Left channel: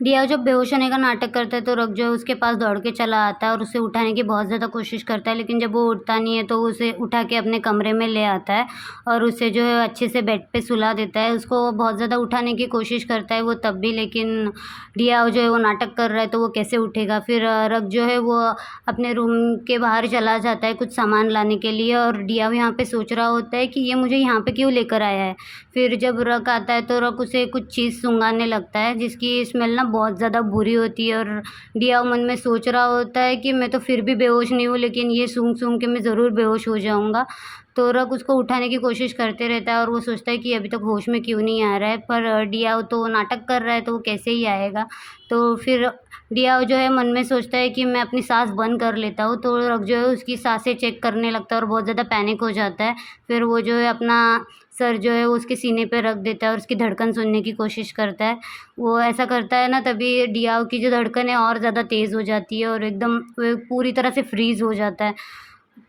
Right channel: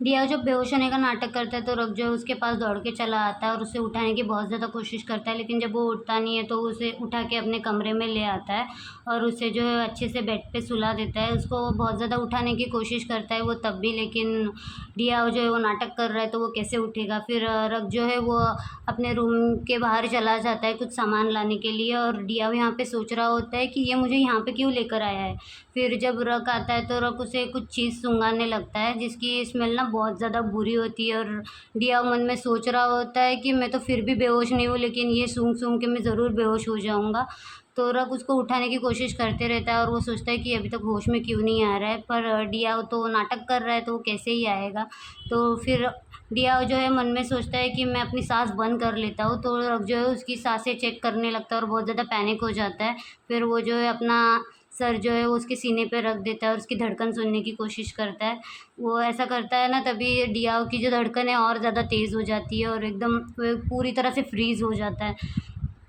दिया जब बेहोश होने का नाटक करता है तो रक जो है उसके पास दौड़ के चला आता है और उसे उठाने की बहुत ज़्यादा कोशिश करता है, लेकिन जब वो उठता नहीं है तो वो उसे उठा के अपने कमरे में ले आता है और उसे जो है अच्छे से बेड पे सुला देता है। उसको वो बहुत ज़्यादा उठाने की कोशिश करता है वो तब भी, लेकिन दिया जो है वो नाटक कर रहा है तो वो कैसे उठेगा। फिर रक जो है वो अपने रूम के बाहर चला जाता है कुछ सामान लाने के लिए और दिया यहाँ पे सोच रहा होता है कि ये मुझे यहाँ पे क्यों लेकर आया है। फिर जब रक आता है तो रक उसे कुछ चीज़ सूंघाने लगता है जिसकी स्मेल ना बहुत ज़्यादा बुरी होती है और दिया मन में सोच रहा होता है कि मैं तो फिर भी बेहोश नहीं हूँ, लेकिन ये सूंघ-सूंघ के मैं ज़रूर बेहोश हो जाऊँगा। तो रक उसको उठाने की कोशिश करते रहता है और वो सोचता है कि अभी तक होश में क्यों नहीं आ रहा है, पर डियाओ तो नाटक कर रहा है तो वो कैसे ही आएगा। तो फिर डियाओ जो है मन में सोचता है कि मैं अपनी साँस बंद कर लेता हूँ, तो रक जो है उसकी साँसें चेक करने लगता है और बहुत ज़्यादा पैनिक हो जाता है। फिर वो जो है अपना सर जो है वो उसके सीने पे रख देता है और उसकी धड़कन सुनने की कोशिश करता है। वो ऐसा करता है ना, तभी डियाओ की जो धड़कन है और ज़्यादा तेज़ हो जाती है और एकदम वो पूरी तरह से फ्रीज़ हो जाता है।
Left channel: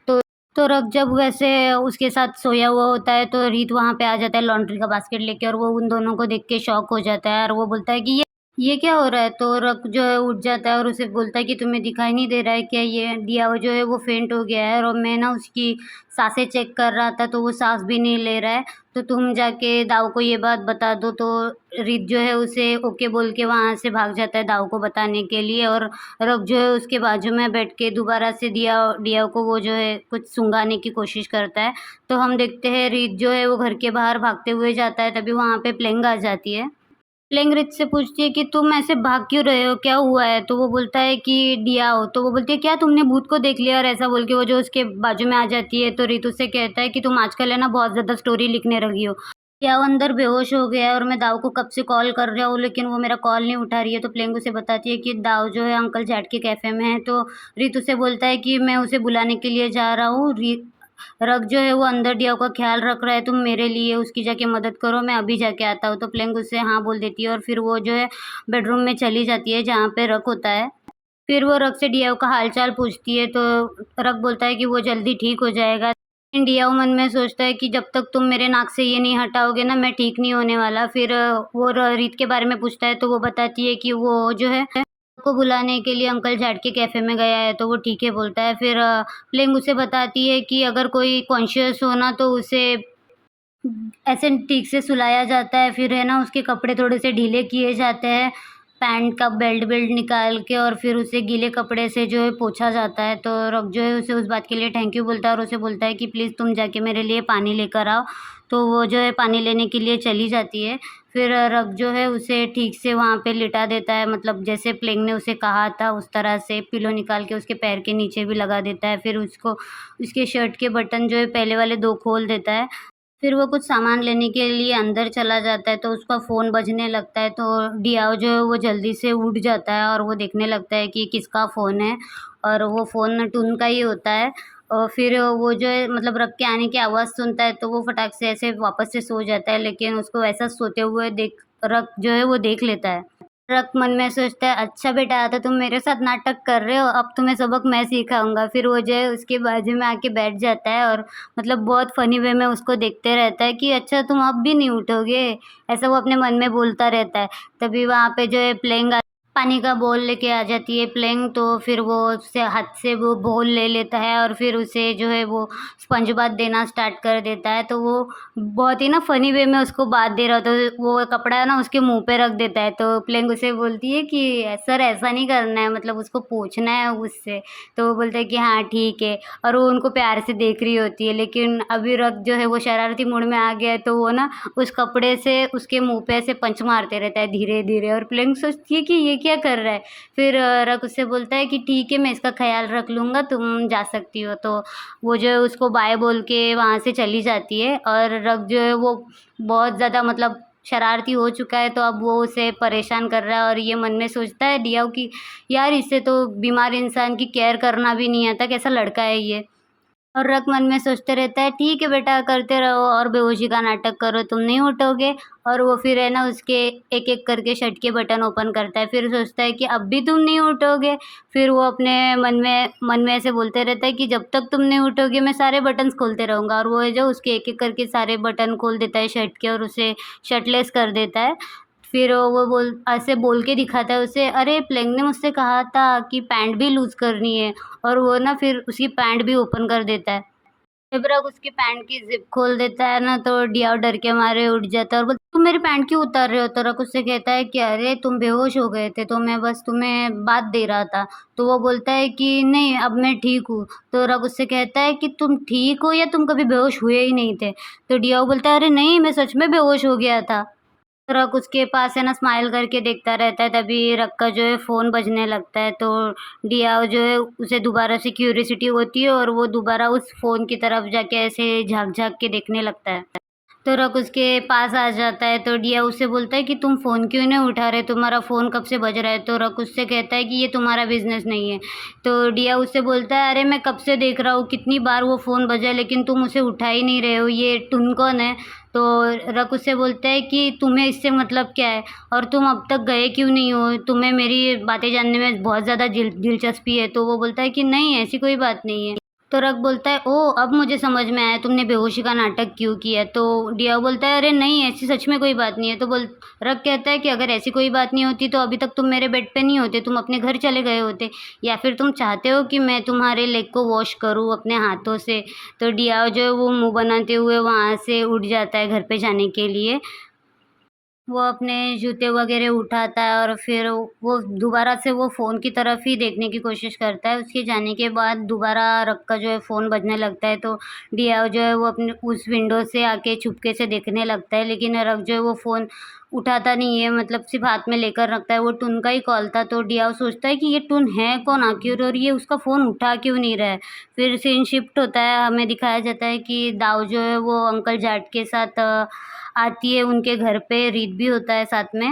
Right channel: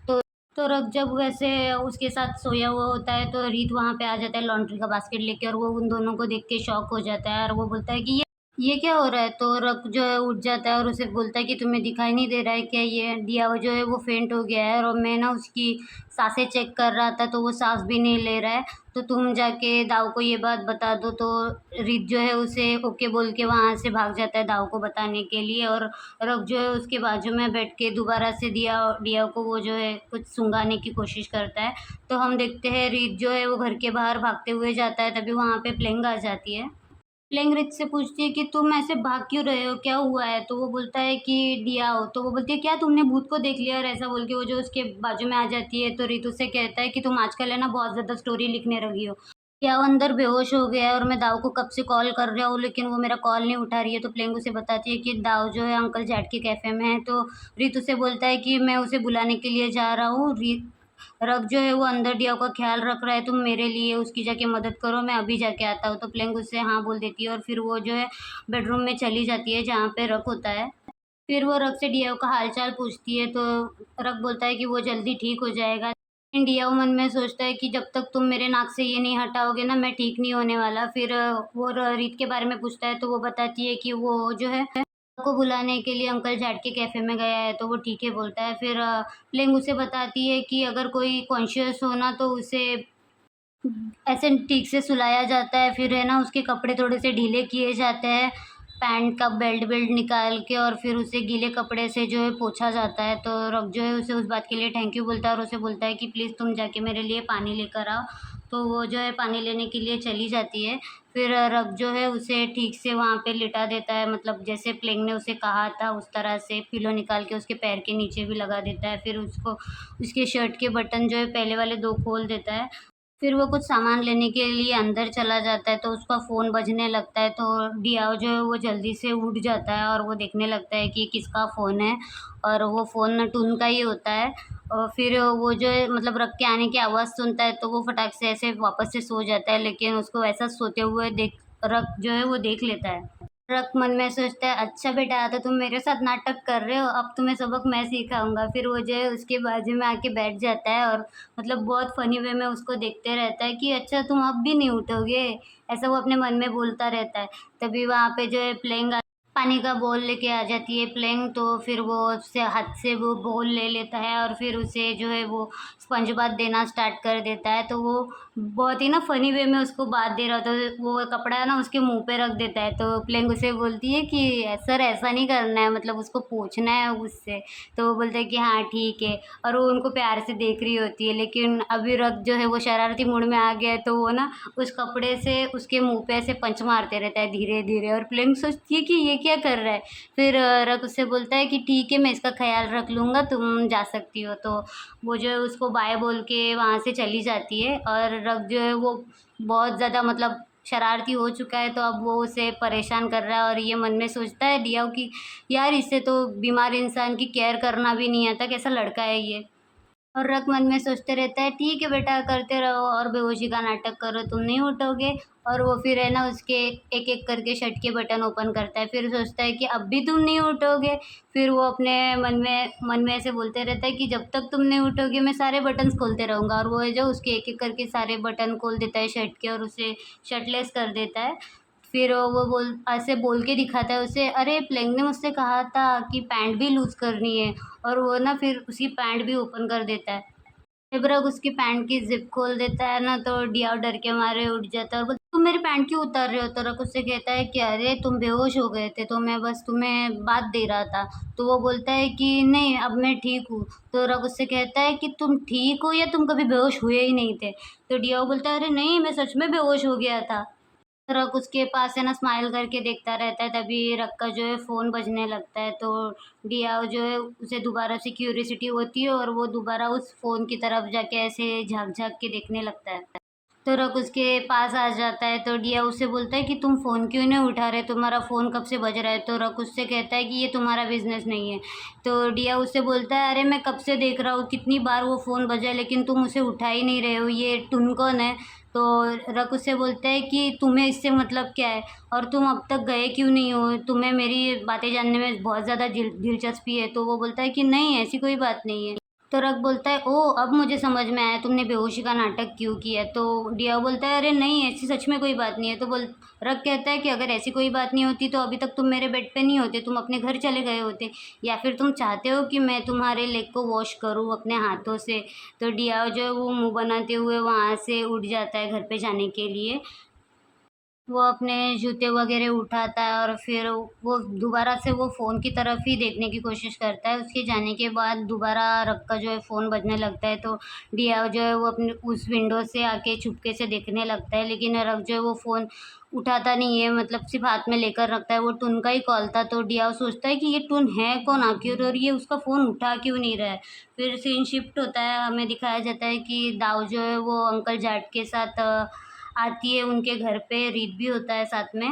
तो तो रक जब वैसे उसके साथ सोया हुआ होता है तो रीत वहाँ पे आ जाता है लॉन्ड्री का बास्केट लेके और वो उन दोनों को देख के शॉक हो जाता है और वो बोलता है कि ये क्या हो रहा है? तो रक जो है उठ जाता है और उसे बोलता है कि तुम्हें दिखाई नहीं दे रहा है क्या? ये दिया वो जो है वो फेंट हो गया है और मैं ना उसकी साँसें चेक कर रहा था तो वो साँस भी नहीं ले रहा है। तो तुम जाके दाऊ को ये बात बता दो। तो रीत जो है उसे ओके बोल के वहाँ से भाग जाता है दाऊ को बताने के लिए और रक जो है उसके बाजू में बैठ के दोबारा से दिया को वो जो है कुछ सुंघाने की कोशिश करता है। तो हम देखते हैं रीत जो है वो घर के बाहर भागते हुए जाता है, तभी वहाँ पे प्लेंग आ जाती है। प्लेंग से पूछती है कि तुम ऐसे भाग क्यों रहे हो? क्या हुआ है? तो वो बोलता है कि दिया हो। तो वो बोलती है क्या तुमने भूत को देख लिया? और ऐसा बोल के वो जो उसके बाजू में आ जाती है तो ऋतु से कहता है कि तुम आजकल है ना बहुत ज़्यादा स्टोरी लिखने लगी हो। दिया वो अंदर बेहोश हो गया है और मैं दाऊ को कब से कॉल कर रहा हूँ लेकिन वो मेरा कॉल नहीं उठा रही है। तो प्लेंग उसे बताती है कि दाऊ जो है अंकल जैड के कैफ़े में है। तो ऋतु से बोलता है कि मैं उसे बुलाने के लिए जा रहा हूँ। रग जो है वो अंदर डिया का ख़्याल रख रहा है, तुम मेरे लिए उसकी जाके मदद करो, मैं अभी जाके आता हूँ। तो प्लेंग उससे हाँ बोल देती है और फिर वो जो है बेडरूम में चली जाती है जहाँ पे रक होता है। फिर वो रक से डियाओ का हाल-चाल पूछती है तो रक बोलता है कि वो जल्दी ठीक हो जाएगा। लेकिन डियाओ मन में सोचता है कि जब तक तुम मेरे नाक से ये नहीं हटाओगे ना मैं ठीक नहीं होने वाला। फिर वो रीत के बारे में पूछता है तो वो बताती है कि वो जो है को बुलाने के लिए अंकल जैड के कैफ़े में गया है, तो वो ठीक है बोलता है। फिर प्लेइंग उसे बताती है कि अगर कोई कॉन्शियस हो ना तो उसे ऐसे ठीक से सुलाया जाता है, फिर है ना उसके कपड़े थोड़े से ढीले किए जाते हैं, पैंट का बेल्ट निकाल के और फिर उसे गीले कपड़े से जो है पोंछा जाता है। तो रक जो है उसे उस बात के लिए थैंक यू बोलता है और उसे बोलता है कि प्लीज़ तुम जाके मेरे लिए पानी लेकर आओ। तो वो जो है पानी लेने के लिए चली जाती है। फिर रक जो है उसे ठीक से वहाँ पे लिटा देता है, मतलब जैसे प्लेंग ने उसे कहा था उस तरह से पिलो निकाल के उसके पैर के नीचे भी लगा देता है। फिर उसको उसके शर्ट के बटन जो है पहले वाले 2 खोल देता है। फिर वो कुछ सामान लेने के लिए अंदर चला जाता है तो उसका फ़ोन बजने लगता है तो डियाओ जो है वो जल्दी से उठ जाता है और वो देखने लगता है कि किसका फ़ोन है और वो फ़ोन टुन का ही होता है। और फिर वो जो है मतलब रक के आने की आवाज़ सुनता है तो वो फटाक से ऐसे वापस से सो जाता है, लेकिन उसको ऐसा सोते हुए देख रक जो है वो देख लेता है। रक मन में सोचता है अच्छा बेटा तो तुम मेरे साथ नाटक कर रहे हो, अब तुम्हें सबक मैं सिखाऊँगा। फिर वो जो है उसके बाजू में आके बैठ जाता है और मतलब बहुत फ़नी वे में उसको देखते रहता है कि अच्छा तुम अब भी नहीं उठोगे? ऐसा वो अपने मन में बोलता रहता है। तभी वहाँ पे जो है प्लेइंग पानी का बोल लेके आ जाती है प्लेइंग, तो फिर वो उससे हाथ से वो बोल ले लेता है और फिर उसे जो है वो स्पंज बाथ देना स्टार्ट कर देता है। तो वो बहुत ही ना फ़नी वे में उसको बाथ दे रहा होता है, तो वो कपड़ा ना उसके मुँह पे रख देता है। तो प्लेइंग उसे बोलती है कि सर ऐसा नहीं करना है, मतलब उसको पूछना है उससे। तो वो बोलता है कि हाँ ठीक है और वो उनको प्यार से देख रही होती है, लेकिन अभी रक जो है वो शरारती मूड में आ गया है तो वो ना उस कपड़े से उसके मुँह पे ऐसे पंच मारते रहता है धीरे-धीरे और प्लेइंग सोचती है कि ये क्या कर रहा है? फिर रक उससे बोलता है कि ठीक है मैं इसका ख़्याल रख लूँगा, तुम जा सकती हो। तो वो जो है उसको बाय बोल के वहाँ से चली जाती है और रक जो है वो बहुत ज़्यादा मतलब शरारती हो चुका है, तो अब वो उसे परेशान कर रहा है और ये मन में सोचता है डियाओ कि यार इसे तो बीमार इंसान की केयर करना भी नहीं आता, कैसा लड़का है ये। और रक मन में सोचते रहता है ठीक है बेटा करते रहो और बेहोशी का नाटक करो, तुम नहीं उठोगे। और वो फिर है ना उसके एक-एक करके शर्ट के बटन ओपन करता है, फिर सोचता है कि अब भी तुम नहीं उठोगे। फिर वो अपने मन में ऐसे बोलते रहता है कि जब तक तुम नहीं उठोगे मैं सारे बटन्स खोलते रहूँगा, और वो है जो उसके एक-एक करके सारे बटन खोल देता है शर्ट के और उसे शर्टलेस कर देता है। फिर वो ऐसे बोल के दिखाता है उसे, अरे प्लेंग ने मुझसे कहा था कि पैंट भी लूज़ करनी है, और वो ना फिर उसकी पैंट भी ओपन कर देता है। जब रग उसकी पैंट की ज़िप खोल देता है ना, तो डियाव डर के मारे उठ जाता है और बोलता है, तुम मेरी पैंट क्यों उतार रहे हो? तो रग उससे कहता है कि अरे तुम बेहोश हो गए थे, तो मैं बस तुम्हें बात दे रहा था। तो वो बोलता है कि नहीं, अब मैं ठीक हूँ। तो रग उससे कहता है कि तुम ठीक हो या तुम कभी बेहोश हुए ही नहीं थे? तो डियाव बोलता है, अरे नहीं, मैं सच में बेहोश हो गया था। रक उसके पास है ना स्माइल करके देखता रहता है, तभी रक का जो है फ़ोन बजने लगता है, तो डियाव जो है उसे दोबारा से क्यूरियोसिटी होती है और वो दोबारा उस फ़ोन की तरफ जाके ऐसे झाँक-झाँक के देखने लगता है। तो रक उसके पास आ जाता है, तो डिया उससे बोलता है कि तुम फ़ोन क्यों नहीं उठा रहे? तुम्हारा फ़ोन कब से बज रहा है? तो रक उससे कहता है कि ये तुम्हारा बिज़नेस नहीं है। तो डिया उससे बोलता है, अरे मैं कब से देख रहा हूँ, कितनी बार वो फ़ोन बजा लेकिन तुम उसे उठा ही नहीं रहे हो, ये टुन कौन है? तो रक उससे बोलता है कि तुम्हें इससे मतलब क्या है? और तुम अब तक गए क्यों नहीं हो? तुम्हें मेरी बातें जानने में बहुत ज़्यादा दिलचस्पी है। तो वो बोलता है कि नहीं, ऐसी कोई बात नहीं है। तो रक बोलता है, ओह! अब मुझे समझ में आया तुमने बेहोशी का नाटक क्यों किया। तो डिया बोलता है, अरे नहीं, ऐसी सच में कोई बात नहीं है। तो रक कहता है कि अगर ऐसी कोई बात नहीं होती तो अभी तक तुम मेरे बेड पे नहीं होते, तुम अपने घर चले गए होते, या फिर तुम चाहते हो कि मैं तुम्हारे लेग को वॉश करूँ अपने हाथों से। तो डिया जो है वो मुँह बनाते हुए वहाँ से उठ जाता है घर पे जाने के लिए। वो अपने जूते वगैरह उठाता है और फिर वो दोबारा से वो फ़ोन की तरफ ही देखने की कोशिश करता है। उसके जाने के बाद दोबारा रग का जो है फ़ोन बजने लगता है, तो डियाव जो है वो अपने उस विंडो से आके चुपके से देखने लगता है, लेकिन रग जो है वो फ़ोन उठाता नहीं है, मतलब सिर्फ़ हाथ में लेकर रखता है। वो टुन का ही कॉल था, तो डियाव सोचता है कि ये टुन है कौन आखिर और ये उसका फ़ोन उठा क्यों नहीं रहा है। फिर सीन शिफ्ट होता है, हमें दिखाया जाता है कि दाऊ जो है वो अंकल जाट के साथ आती है उनके घर पे, रीत भी होता है साथ में।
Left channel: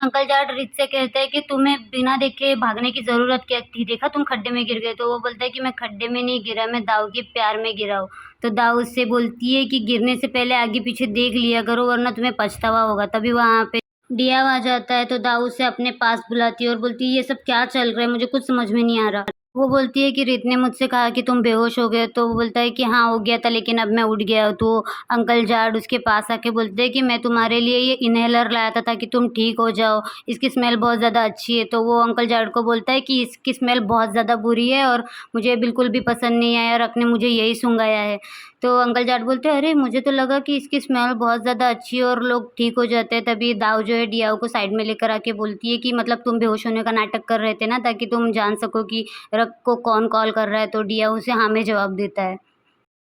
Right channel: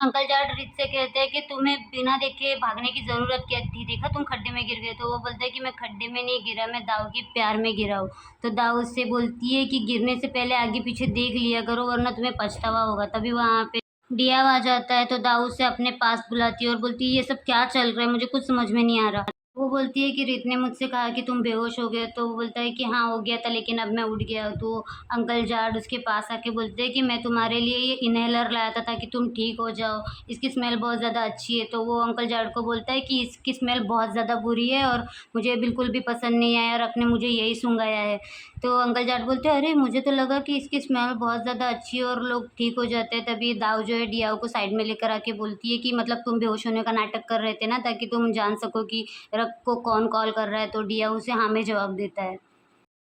अंकल जाट रीत से कहते हैं कि तुम्हें बिना देखे भागने की ज़रूरत क्या थी? देखा तुम खड्डे में गिर गए। तो वो बोलता है कि मैं खड्डे में नहीं गिरा, मैं दाऊ के प्यार में गिरा हूँ। तो दाऊ उससे बोलती है कि गिरने से पहले आगे-पीछे देख लिया करो, वरना तुम्हें पछतावा होगा। तभी वहाँ पे दिया आ जाता है, तो दाऊ उसे अपने पास बुलाती है और बोलती है, ये सब क्या चल रहा है? मुझे कुछ समझ में नहीं आ रहा। वो बोलती है कि रीत ने मुझसे कहा कि तुम बेहोश हो गए, तो वो बोलता है कि हाँ, हो गया था, लेकिन अब मैं उठ गया हूँ। तो अंकल जाट उसके पास आके बोलते हैं कि मैं तुम्हारे लिए ये इन्हेलर लाया था ताकि तुम ठीक हो जाओ, इसकी स्मेल बहुत ज़्यादा अच्छी है। तो वो अंकल जाट को बोलता है कि इसकी स्मेल बहुत ज़्यादा बुरी है और मुझे बिल्कुल भी पसंद नहीं आया, रख ने मुझे यही सुंघाया है। तो अंकल जाट बोलते हैं, अरे मुझे तो लगा कि इसकी स्मेल बहुत ज़्यादा अच्छी है और लोग ठीक हो जाते हैं। तभी दाऊ जो है डियाओ को साइड में लेकर आके बोलती है कि मतलब तुम बेहोश होने का नाटक कर रहे थे ना, ताकि तुम जान सको कि रग को कौन कॉल कर रहा है। तो डिया उसे हाँ में जवाब देता है।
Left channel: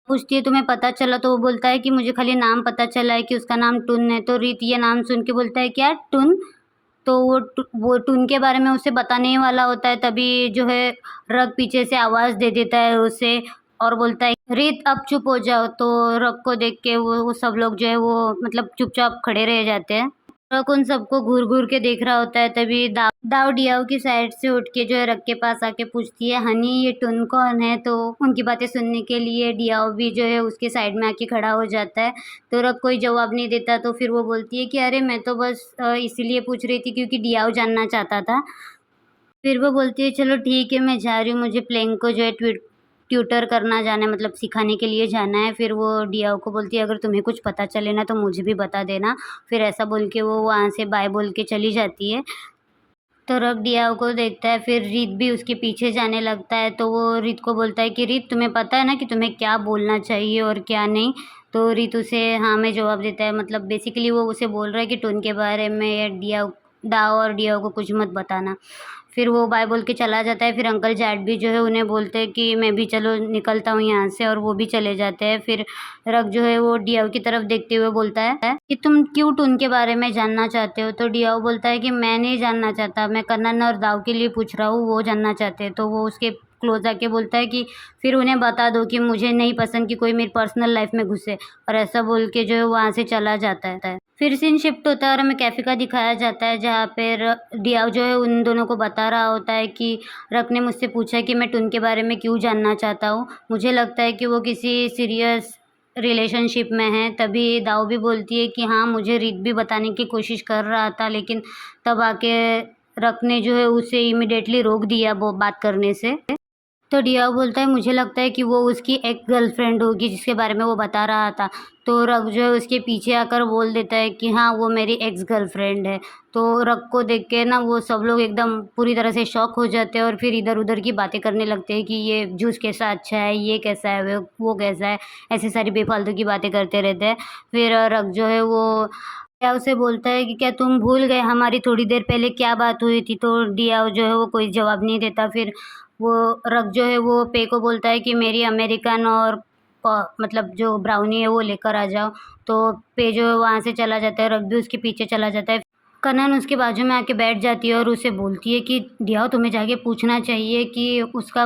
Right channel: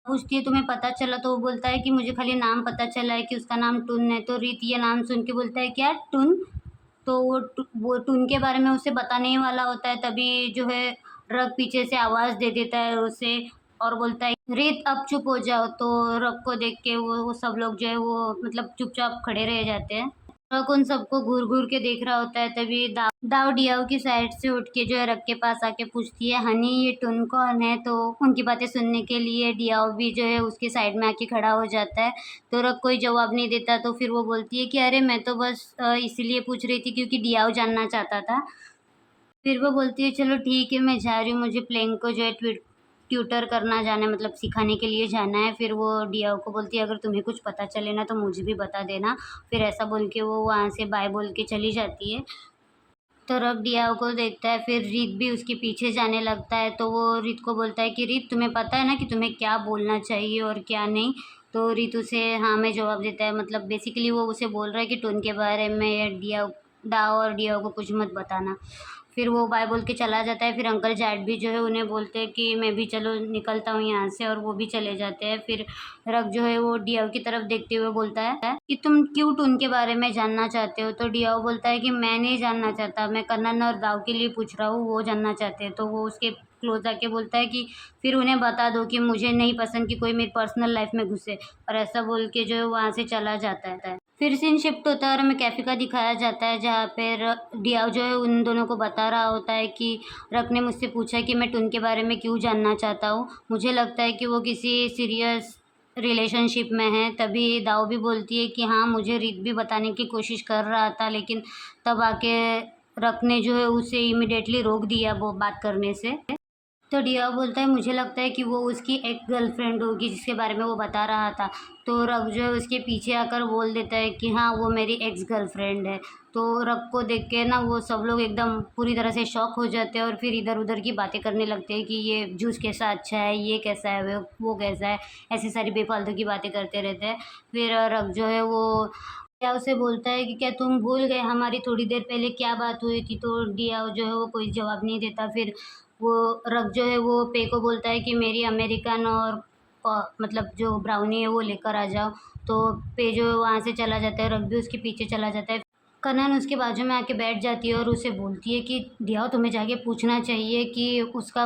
पूछती है, तुम्हें पता चला? तो वो बोलता है कि मुझे खाली नाम पता चला है कि उसका नाम टुन है। तो रीत ये नाम सुन के बोलता है, क्या टुन? तो वो टुन के बारे में उसे बताने ही वाला होता है, तभी जो है रग पीछे से आवाज़ दे देता है उसे और बोलता है, रीत अब चुप हो जाओ। तो रग को देख के वो सब लोग जो है वो मतलब चुपचाप खड़े रह जाते हैं। रग उन सबको घूर-घूर के देख रहा होता है, तभी दाऊ डियाऊ की साइड से उठ के जो है रग के पास आके पूछती है, हनी ये टुन कौन है? तो उनकी बातें सुनने के लिए डियाऊ भी जो है उसके साइड में आके खड़ा हो जाता है। तो रग कोई जवाब नहीं देता, तो फिर वो बोलती है कि अरे मैं तो बस इसीलिए पूछ रही थी क्योंकि डियाऊ जानना चाहता था। फिर वो बोलती है, चलो ठीक है, मैं जा रही हूँ, मुझे प्लेइंग को जो है ट्यूटर करना जाना है, मतलब सिखाने के लिए जाना है। फिर वो डियाओ को बोलती है, अगर तुम्हें कुछ पता चले ना तो मुझे भी बता देना। फिर ऐसा बोल के वो वहाँ से बाय बोल के चली जाती है। तो रब डियाओ को देखता है, फिर रीत भी उसके पीछे जाने लगता है। तो वो रीत को बोलता है कि रीत, तुम्हें पता है ना कि तुम्हें क्या बोलना चाहिए और क्या नहीं? तो रीत उसे हाँ में जवाब देता है, मतलब बेसिकली वो उसे बोल रहा है कि टुन के बारे में या दाओ और डियाओ को कुछ मत बताना। फिर वो बाय बोल के चला जाता है। फिर अंकल जैड भी जो है उन्हें बोलते हैं कि मैं भी चलो निकलता हूँ यहाँ से, और वो भी चले जाते हैं। फिर रग जो है वो डियाओ की तरफ देखते हुए बोलता है कि तुम क्यों टुन के बारे में जानना चाहते हो? तो डियाओ बोलता है कि मैं नहीं जानना चाहता, मैं कन्नन और दाऊ के लिए पूछ रहा हूँ, वो जानना चाहते हैं। तो वो उसके क्लोज आके बोलता है कि फिर उन्हें बता दो कि मुझे नहीं पसंद कि कोई मेरी पर्सनल लाइफ में घुसे, और ऐसा बोल के जो है वहाँ से चला जाता है। फिर सीन शिफ्ट होता है और हमें कैफ़े का दिखाया जाता है, जहाँ पे डियाव जो है उन दोनों को बता रहा होता है कि रक ने मुझसे पूछा कि मैं टुन के बारे में क्यों जानना चाहता हूँ। मुझे लगता है कि वो किसी सीरियस रिलेशनशिप में है। तभी दाऊ भी बोलती है कि हाँ, मुझे रीत भी बताने की कोशिश कर रहा था, लेकिन तब आके रक ने जो है उसे इमीडिएटली रोक दिया वो बात करने से। तो डिया बोलता है मुझे लगता है कि वो उसकी एक गर्लफ्रेंड होगी जिसके बारे में वो बता रहा था। तो रग जो है उसके पीछे आकर बोल देता है कि हाँ, वो मेरी एक्स गर्लफ्रेंड है। तो रग को देख के ना वो सब लोग एकदम पूरी तरह से शॉक हो जाते हैं और फिर इधर-उधर की बातें करने लगते हैं कि ये जूस कैसा अच्छा है, ये कैसा है, वो कैसा है, ऐसी सारी बेफ़ालतू की बातें करते रहते हैं। फिर रग जो है वो डिया उसे बोलता है कि क्या तुम भूल गए हमारी थोड़ी देर पहले क्या बात हुई थी? तो डिया जो है वो कोई जवाब नहीं देता। फिर वो रग जो है वो पे को बोलता है कि मेरी अमेरिकन और मतलब जो ब्राउनी है वो लेकर आ जाओ। तो पे जो है वहाँ से चला जाता है, रग भी उसके पीछे चला जाता है। कनन उसके बाजू में आके बैठ जाती है और उसे बोलती है कि डिया तुम्हें जाके पूछना चाहिए कि उसका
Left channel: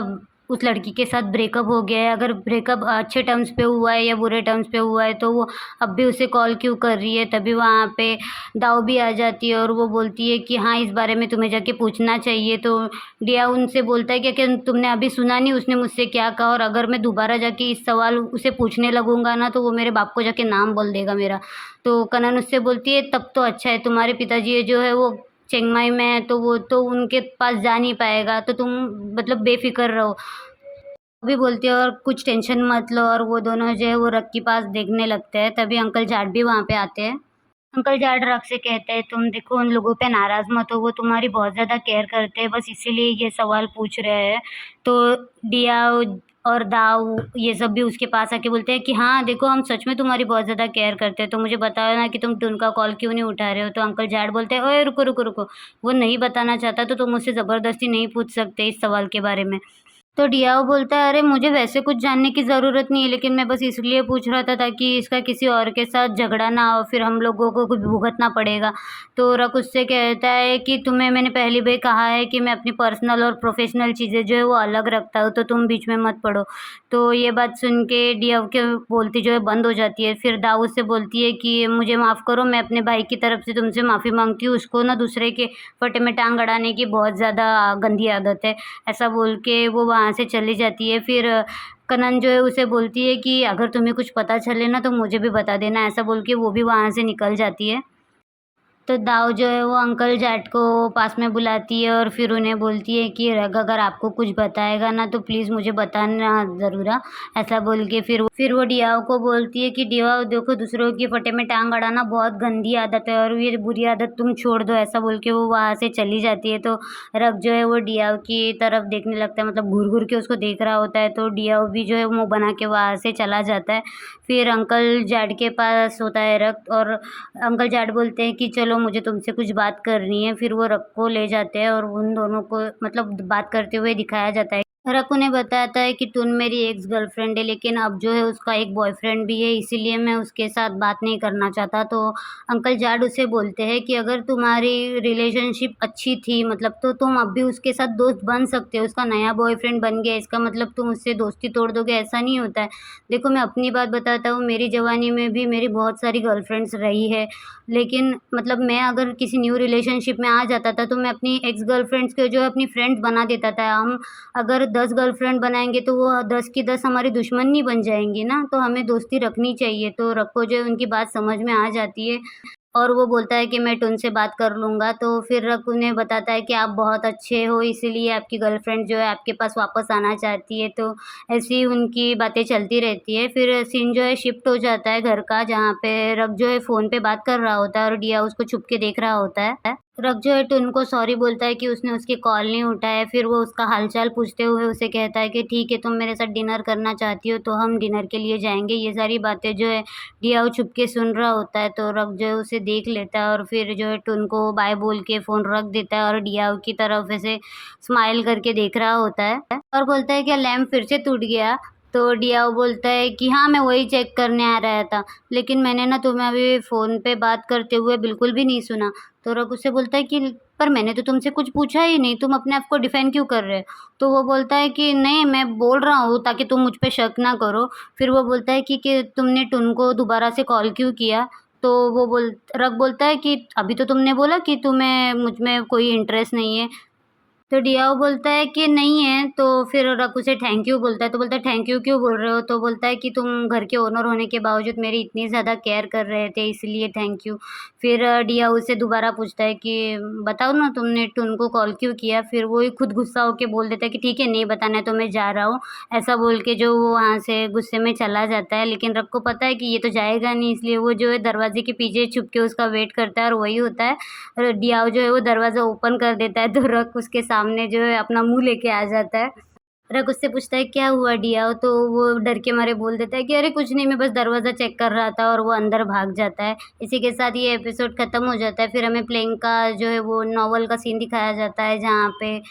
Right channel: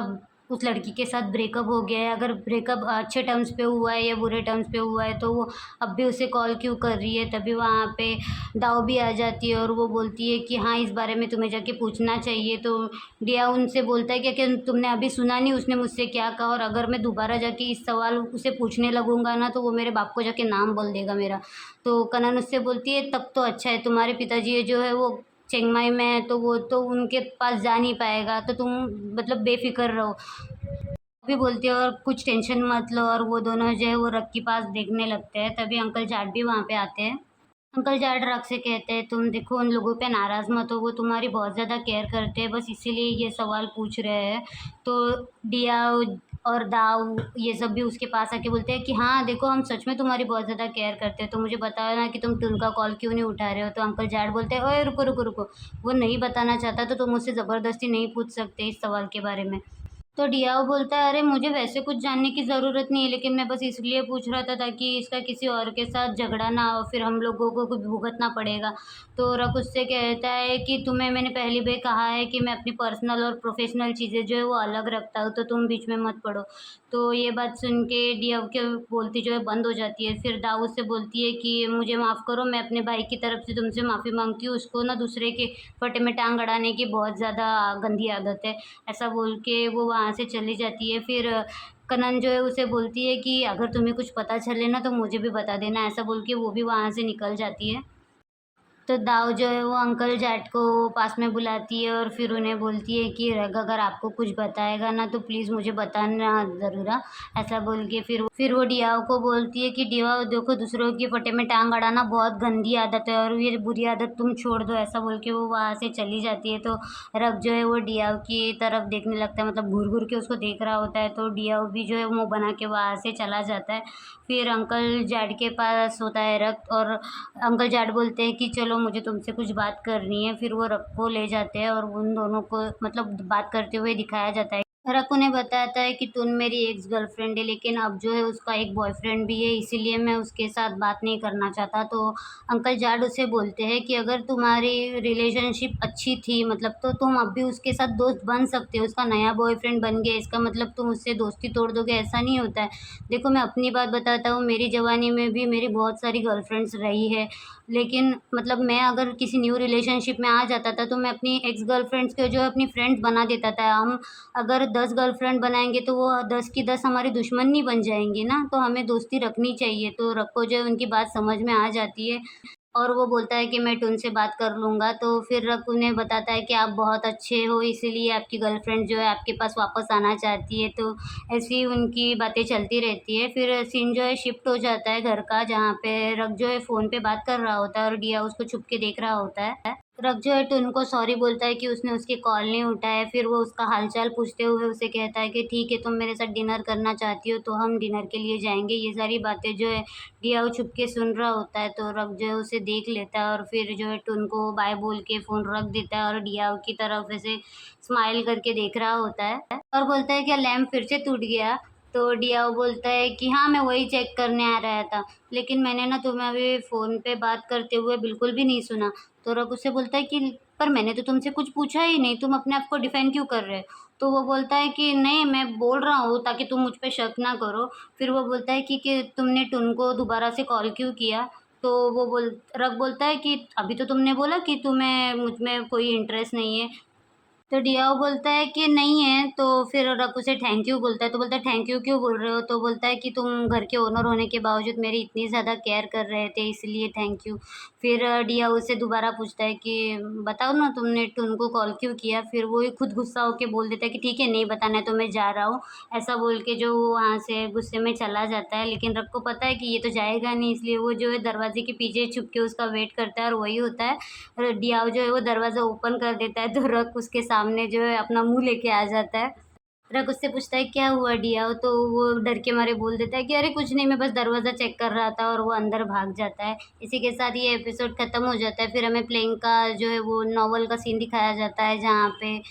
उस लड़की के साथ ब्रेकअप हो गया है। अगर ब्रेकअप अच्छे टर्म्स पे हुआ है या बुरे टर्म्स पे हुआ है तो वो अब भी उसे कॉल क्यों कर रही है। तभी वहाँ पे दाऊ भी आ जाती है और वो बोलती है कि हाँ, इस बारे में तुम्हें जाके पूछना चाहिए। तो डिया उनसे बोलता है कि तुमने अभी सुना नहीं उसने मुझसे क्या कहा, और अगर मैं दोबारा जाके इस सवाल उसे पूछने लगूंगा ना तो वो मेरे बाप को जाके नाम बोल देगा मेरा। तो कनन उससे बोलती है तब तो अच्छा है, तुम्हारे पिताजी जो है वो चिंगमाई में है तो वो तो उनके पास जा नहीं पाएगा, तो तुम मतलब बेफिक्र रहो। भी बोलती है और कुछ टेंशन मत लो, और वो दोनों जो है वो रग के पास देखने लगते हैं। तभी अंकल जाट भी वहाँ पे आते हैं। अंकल जाट रग से कहते हैं तुम देखो उन लोगों पे नाराज़ मत हो, वो तुम्हारी बहुत ज़्यादा केयर करते हैं, बस इसीलिए ये सवाल पूछ रहे हैं। तो डिया और दाऊ ये सब भी उसके पास आके बोलते हैं कि हाँ देखो हम सच में तुम्हारी बहुत ज़्यादा केयर करते हैं, तो मुझे बताओ ना कि तुम टुन का कॉल क्यों नहीं उठा रहे हो। तो अंकल जाट बोलते हैं ओए रुको रुको रुको, वो नहीं बताना चाहता तो तुम मुझसे ज़बरदस्ती नहीं पूछ सकते इस सवाल के बारे में। तो डियाओ बोलता है अरे मुझे वैसे कुछ जानने की ज़रूरत नहीं है, लेकिन मैं बस इसलिए पूछ रहा था ताकि इसका किसी और के साथ झगड़ा ना हो, फिर हम लोगों को कुछ भुगतना पड़ेगा। तो रक उससे कहता है कि तुम्हें मैंने पहले भी कहा है कि मैं अपनी पर्सनल और प्रोफेशनल चीज़ें जो है वो अलग रखता हूँ, तो तुम बीच में मत पड़ो। तो ये बात सुन के डिया के बोलती जो है बंद हो जाती है। फिर दाऊद से बोलती है कि मुझे माफ़ करो, मैं अपने भाई की तरफ से तुमसे माफ़ी मांगती हूँ, उसको ना दूसरे के फटे में टांग अड़ाने की बहुत ज़्यादा गंदी आदत है। ऐसा बोल के वो वहाँ से चली जाती है। फिर कनन जो है उसे बोलती है कि अगर तुम्हें कुछ पता चले ना तो मुझे भी बता देना, ऐसा बोल के वो भी वहाँ से निकल जाती है। तो दाऊ जो है वो अंकल जाट को पास में बुलाती है और फिर उन्हें बोलती है कि रग अगर आपको कुछ बताएगा ना तो प्लीज़ मुझे बताना ज़रूर हाँ। ऐसा बोल के फिर वो डियाओ को बोलती है कि डियाओ देखो दूसरों की फटे में टांग अड़ाना बहुत गंदी आदत है और ये बुरी आदत तुम छोड़ दो, ऐसा बोल के वो वहाँ से चली जाती है। तो रग जो है वो डियाओ की तरफ देखने लगता है, मतलब घूर घूर के उसको देख रहा होता है। तो डियाओ भी जो है मुँह बना के वहाँ से चला जाता है। फिर अंकल जाट के पास होता है रग, और अंकल जाट बोलते हैं कि चलो मुझे तुमसे कुछ बात करनी है। फिर वो रक को ले जाते हैं और उन दोनों को मतलब बात करते हुए दिखाया जाता है। रक उन्हें बताता है कि टुन मेरी एक्स गर्लफ्रेंड है, लेकिन अब जो है उसका एक बॉयफ्रेंड भी है, इसीलिए मैं उसके साथ बात नहीं करना चाहता। तो अंकल जाट उसे बोलते हैं कि अगर तुम्हारी रिलेशनशिप अच्छी थी मतलब तो तुम अब भी उसके साथ दोस्त बन सकते हो। उसका नया बॉयफ्रेंड बन गया इसका मतलब तुम उससे दोस्ती तोड़ दोगे, ऐसा नहीं होता है। देखो मैं अपनी बात बताता हूँ, मेरी जवानी में भी मेरी बहुत सारी गर्लफ्रेंड्स रही है, लेकिन मतलब मैं अगर किसी न्यू रिलेशनशिप में आ जाता था तो मैं अपनी एक्स गर्लफ्रेंड्स को जो है अपनी फ्रेंड्स बना देता था। हम अगर 10 गर्लफ्रेंड बनाएँगे तो वो 10 की 10 हमारी दुश्मन नहीं बन जाएँगी ना, तो हमें दोस्ती रखनी चाहिए। तो रक को जो है उनकी बात समझ में आ जाती है और वो बोलता है कि मैं टुन से बात कर लूँगा। तो फिर रक उन्हें बताता है कि आप बहुत अच्छे हो, इसीलिए आपकी गर्लफ्रेंड जो है आपके पास वापस आना चाहती है। तो ऐसी ही उनकी बातें चलती रहती है। फिर सीन जो है शिफ्ट हो जाता है घर का, जहाँ पे रक जो है फ़ोन पे बात कर रहा होता है और डिया उसको छुप के देख रहा होता है। रक जो है टुन को सॉरी बोलता है कि उसने उसकी कॉल नहीं उठाया। फिर वो उसका हाल-चाल पूछते हुए उसे कहता है कि ठीक है, तुम मेरे साथ डिनर करना चाहती हो तो हम डिनर के लिए जाएँगे। ये सारी बातें जो है डिया छुप के सुन रहा होता है, तो रक जो है उसे देख लेता है और फिर जो है टुन को बाय बोल के फ़ोन रख देता है और डिया की तरफ ऐसे स्माइल करके देख रहा होता है और बोलता है क्या लैंप फिर से टूट गया? तो डियाओ बोलता है कि हाँ, मैं वही चेक करने आ रहा था, लेकिन मैंने ना तुम्हें अभी फ़ोन पे बात करते हुए बिल्कुल भी नहीं सुना। तो रक उससे बोलता है कि पर मैंने तो तुमसे कुछ पूछा ही नहीं, तुम अपने आप को डिफेंड क्यों कर रहे हो? तो वो बोलता है कि नहीं, मैं बोल रहा हूँ ताकि तुम मुझ पे शक ना करो। फिर वो बोलता है कि तुमने टुन को दोबारा से कॉल क्यों किया? तो वो रक बोलता है कि अभी तो तुमने बोला कि तुम्हें मुझ में कोई इंटरेस्ट नहीं है। तो डियाओ बोलता है कि नहीं है, तो फिर रक उसे थैंक यू बोलता है, तो बोलता है थैंक यू क्यों बोल रहे हो? तो बोलता है कि तुम घर के ओनर होने के बावजूद मेरी इतनी ज़्यादा केयर कर रहे थे इसलिए थैंक यू। फिर डियाओ उससे दोबारा पूछता है कि बताओ ना तुमने टुन को कॉल क्यों किया? फिर वो ही खुद गुस्सा होके बोल देता है कि ठीक है नहीं बताना है तो मैं जा रहा हूँ। ऐसा बोल के जो वो वहाँ से गुस्से में चला जाता है, लेकिन रक को पता है कि ये तो जाएगा नहीं, इसलिए वो जो है दरवाज़े के पीछे छुप के उसका वेट करता है और वही होता है। डियाओ जो है वो दरवाज़ा ओपन कर देता है, तो रक उसके सामने जो है अपना मुँह लेके आ जाता है। रक उससे पूछता है क्या हुआ डियाओ? तो वो डर के मारे बोल देता है कि अरे कुछ नहीं, मैं बस दरवाज़ा चेक कर रहा था, और वो अंदर भाग जाता है। इसी के साथ ये एपिसोड खत्म हो जाता है। फिर हमें प्लेइंग का जो है वो नॉवल का सीन दिखाया जाता है, जहाँ पे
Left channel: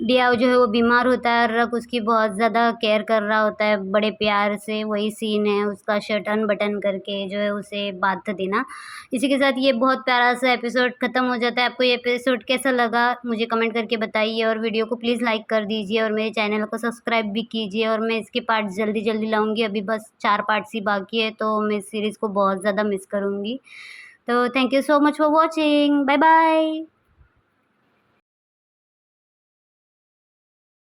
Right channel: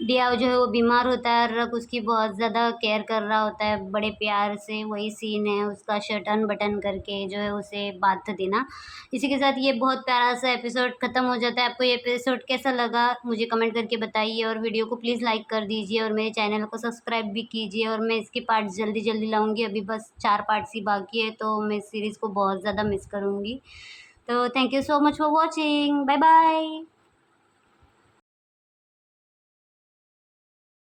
डियाओ जो है वो बीमार होता है और रक उसकी बहुत ज़्यादा केयर कर रहा होता है बड़े प्यार से। वही सीन है उसका शर्ट अनबटन करके जो है उसे बाथ देना। इसी के साथ ये बहुत प्यारा सा एपिसोड खत्म हो जाता है। आपको ये एपिसोड कैसा लगा मुझे कमेंट करके बताइए, और वीडियो को प्लीज़ लाइक कर दीजिए और मेरे चैनल को सब्सक्राइब भी कीजिए। और मैं इसके पार्ट जल्दी जल्दी लाऊंगी, अभी बस 4 पार्ट्स ही बाकी है, तो मैं इस सीरीज़ को बहुत ज़्यादा मिस करूँगी। तो thank you so much for watching, bye bye.